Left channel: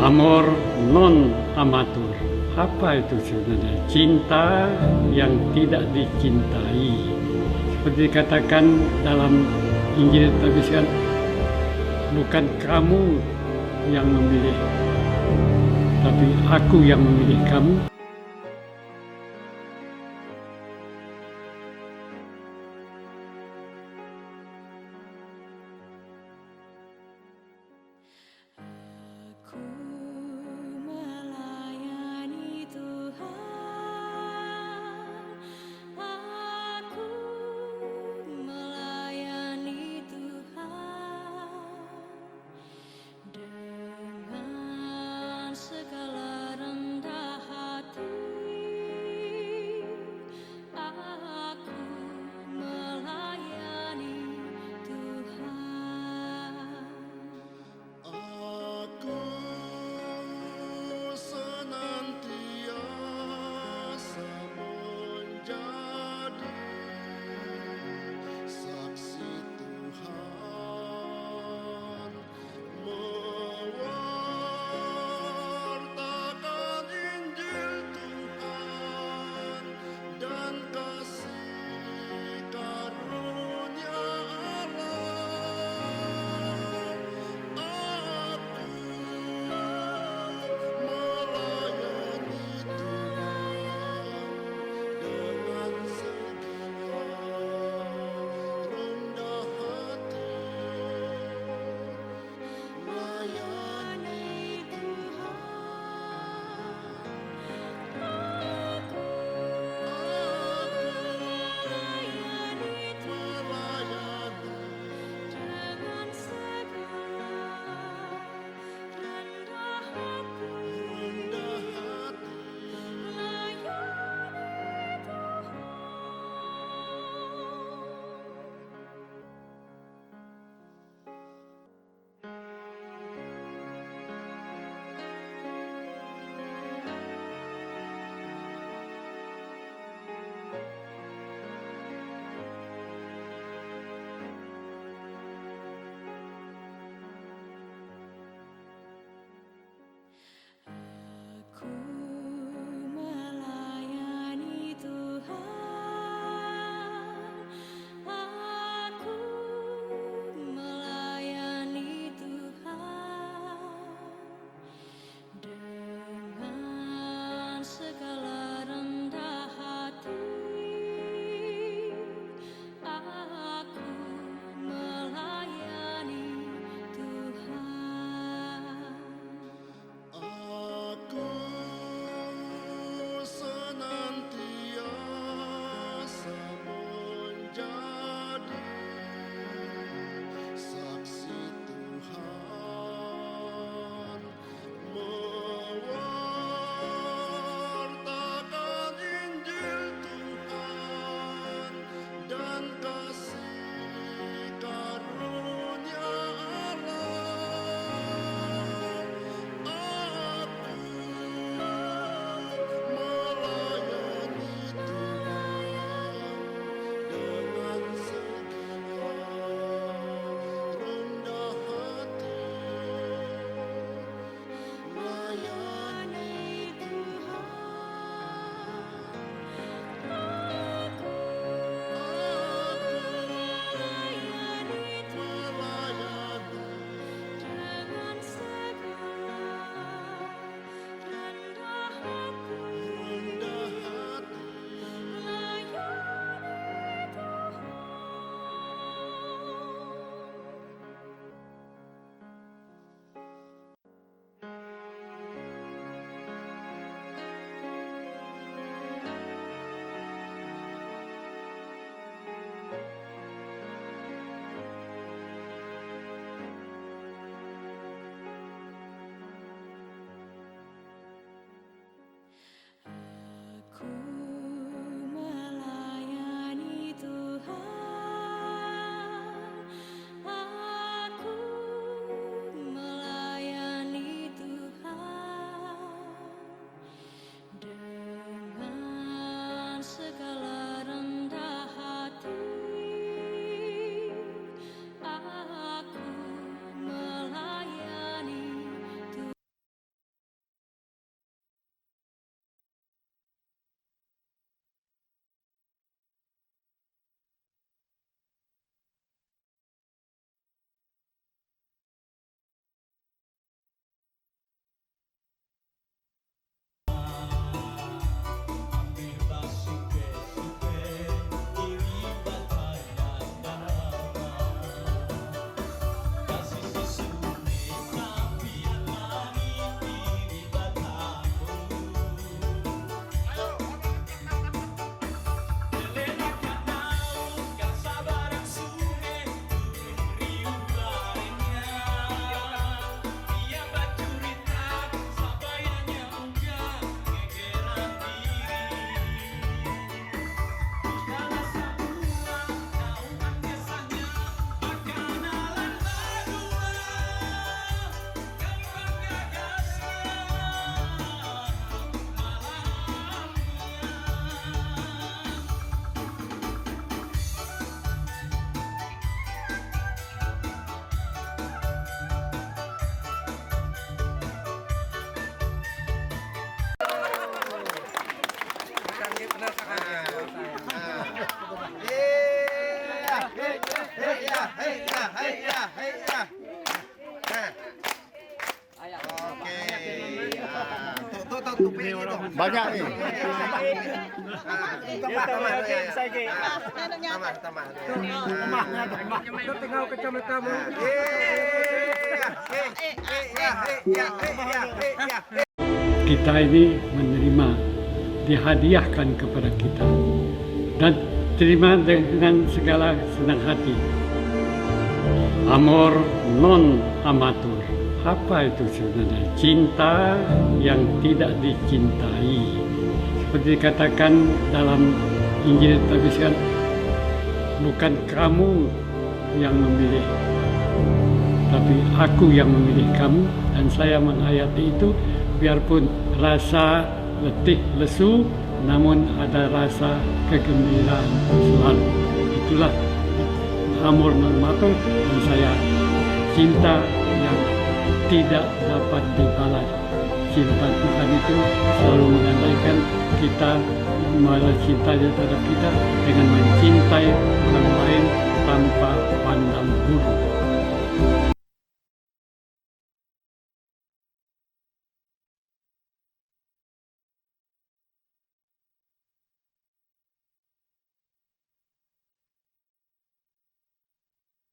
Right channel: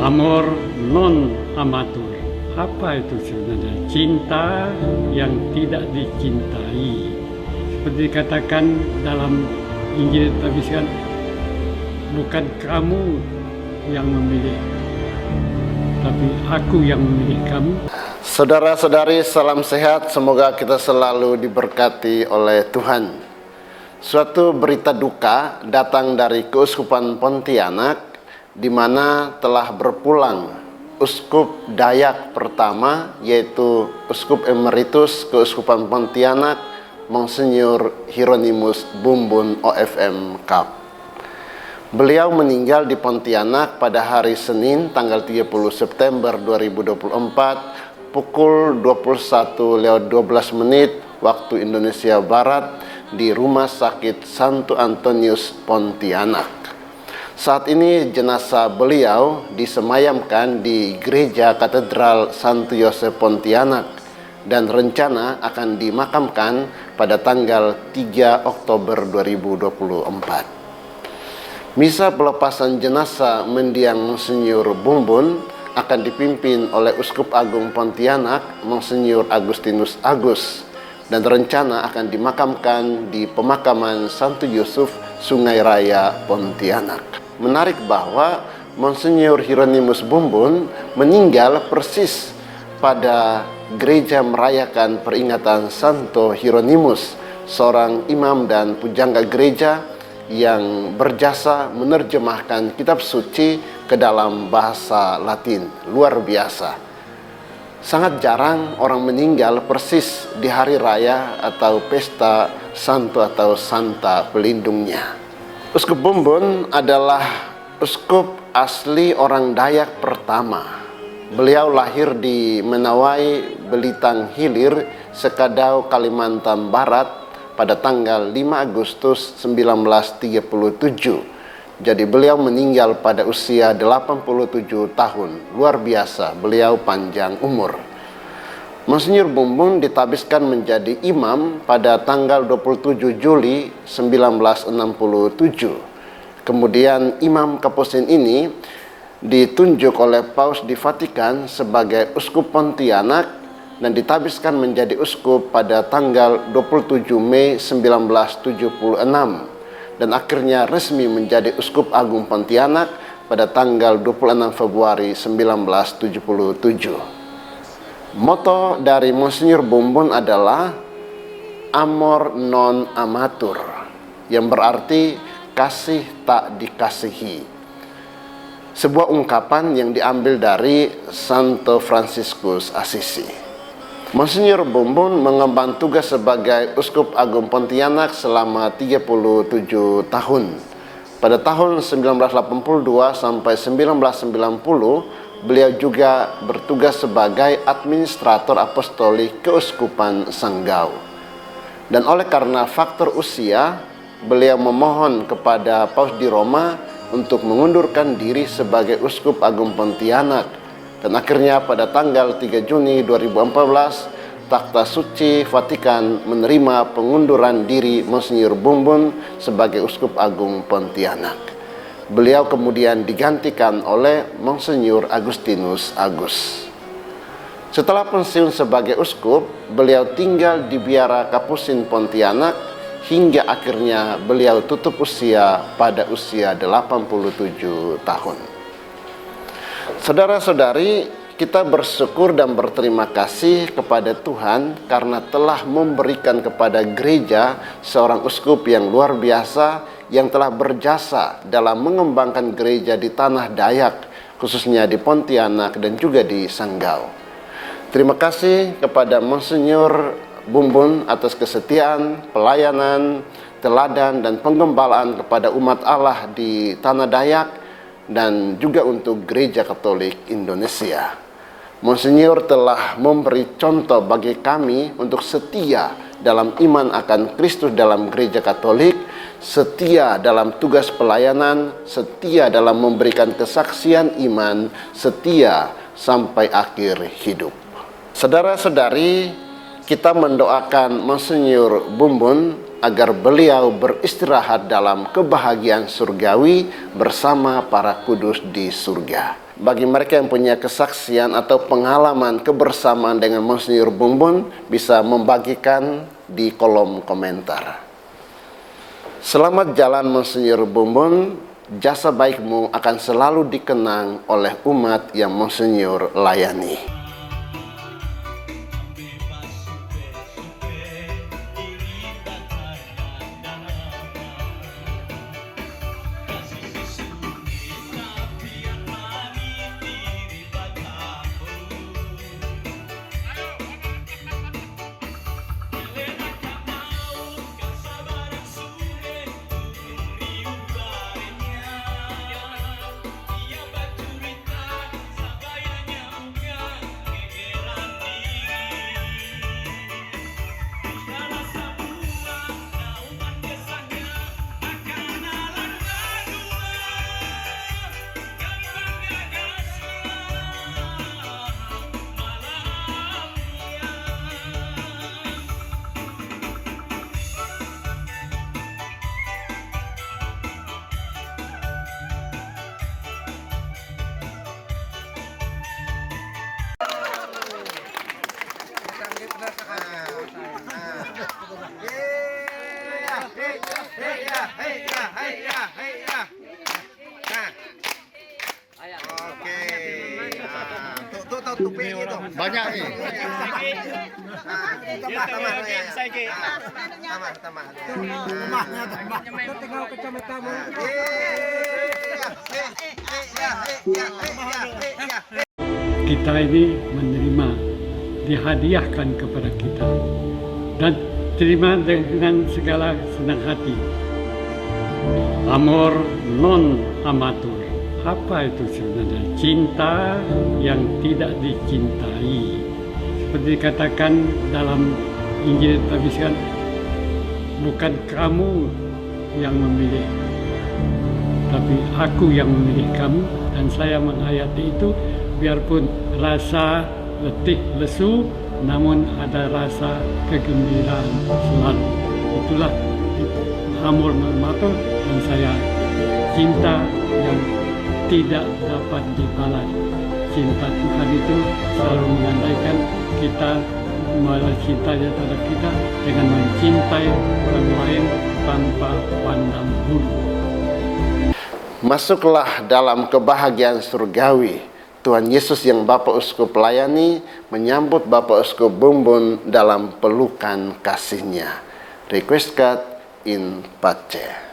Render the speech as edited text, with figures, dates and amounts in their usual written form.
Amor non amatur. Apa itu sebenarnya? Cinta yang tidak dicintai. Seperti dikatakan dalam Injil tertuliskan, bukan kamu yang memilih, tapi aku yang memilih kamu. Saudara-saudari, salam sehat. Semoga kita selalu diberkati oleh Tuhan. Suatu berita duka datang dari Keuskupan Pontianak, di mana telah berpulang Uskup Dayak pertama, yaitu Uskup Emeritus Keuskupan Pontianak, Monsinyur Hieronymus Bumbun OFM Kap. Beliau meninggal di Pontianak pada hari Senin tanggal 30 September 2024 pukul 21.12 waktu Indonesia Barat di Rumah Sakit Santo Antonius Pontianak. Saat ini jenazah beliau disemayamkan di Gereja Katedral Santo Yosef Pontianak dan rencana akan dimakamkan pada tanggal 3 Oktober 2024. Misa pelepasan jenazah mendiang Monsinyur Bumbun akan dipimpin oleh Uskup Agung Pontianak, Monsinyur Agustinus Agus, dan rencana akan dimakamkan di pemakaman Santo Yusuf, Sungai Raya, Pontianak. Menarik bahwa Monsinyur Hieronymus Bumbun meninggal persis pada gereja merayakan peringatan Santo Hieronymus, seorang imam dan pujangga gereja yang berjasa menerjemahkan kitab suci ke dalam bahasa Latin. Luar biasa. Sangat jarang orang meninggal persis di hari raya atau pesta santo atau santa pelindungnya. Uskup Bumbun adalah uskup asli orang Dayak pertama. Beliau lahir di Menawai, Belitang Hilir, Sekadau, Kalimantan Barat pada tanggal 5 Agustus 1937. Jadi beliau meninggal pada usia 87 tahun. Luar biasa, beliau panjang umur. Monsinyur Bumbun ditabiskan menjadi imam pada tanggal 27 Juli 1967. Kemudian Imam Kapusin ini ditunjuk oleh Paus di Vatikan sebagai Uskup Pontianak dan ditabiskan menjadi uskup pada tanggal 27 Mei 1976 dan akhirnya resmi menjadi Uskup Agung Pontianak pada tanggal 26 Februari 1977. Moto dari Monsinyur Bumbun adalah Amor non amatur, yang berarti kasih tak dikasihi. Sebuah ungkapan yang diambil dari Santo Fransiskus Assisi. Monsinyur Bumbun mengemban tugas sebagai Uskup Agung Pontianak selama 37 tahun. Pada tahun 1982 sampai 1990, beliau juga bertugas sebagai administrator apostolik Keuskupan Sanggau. Dan oleh karena faktor usia, beliau memohon kepada Paus di Roma untuk mengundurkan diri sebagai Uskup Agung Pontianak. Dan akhirnya pada tanggal 3 Juni 2014, Takhta Suci Vatikan menerima pengunduran diri Monsinyur Bumbun sebagai Uskup Agung Pontianak. Beliau kemudian digantikan oleh Monsinyur Agustinus Agus. Setelah pensiun sebagai uskup, beliau tinggal di Biara Kapusin Pontianak hingga akhirnya beliau tutup usia pada usia 87 tahun. Saudara-saudari, kita bersyukur dan berterima kasih kepada Tuhan karena telah memberikan kepada gereja seorang uskup yang luar biasa, yang telah berjasa dalam mengembangkan gereja di tanah Dayak, khususnya di Pontianak dan juga di Sanggau. Terima kasih kepada Monsinyur Bumbun atas kesetiaan, pelayanan, teladan, dan penggembalaan kepada umat Allah di tanah Dayak dan juga untuk Gereja Katolik Indonesia. Monsinyur telah memberi contoh bagi kami untuk setia dalam iman akan Kristus dalam Gereja Katolik, setia dalam tugas pelayanan, setia dalam memberikan kesaksian iman, setia sampai akhir hidup. Saudara-saudari, kita mendoakan Monsinyur Bumbun agar beliau beristirahat dalam kebahagiaan surgawi bersama para kudus di surga. Bagi mereka yang punya kesaksian atau pengalaman kebersamaan dengan Monsinyur Bumbun, bisa membagikan di kolom komentar. Selamat jalan Monsinyur Bumbun, jasa baikmu akan selalu dikenang oleh umat yang Monsinyur layani. Banyak nih. Kita ini menerima, dihadiahkan kepada kita, dan terima dengan segala senang hati. Amor non amatur. Apa itu sebenarnya? Cinta yang tidak dicintai. Seperti dikatakan dalam Injil tertuliskan, bukan kamu yang memilih, tapi aku yang memilih kamu. Dan saya menghayati itu, biarpun rasa letih lesu, namun ada rasa kegembiraan selalu. Itulah amor non amatur, dan saya cinta yang tidak dapat dibalas. Cinta Tuhan itu selalu mengandaikan kita membalas cintanya terhadap kita dengan mencintai orang lain tanpa pandang bulu. Masuklah dalam kebahagiaan surgawi. Tuhan Yesus yang Bapak Uskup layani menyambut Bapak Uskup Bumbun dalam pelukan kasih-Nya. Requiescat in pace.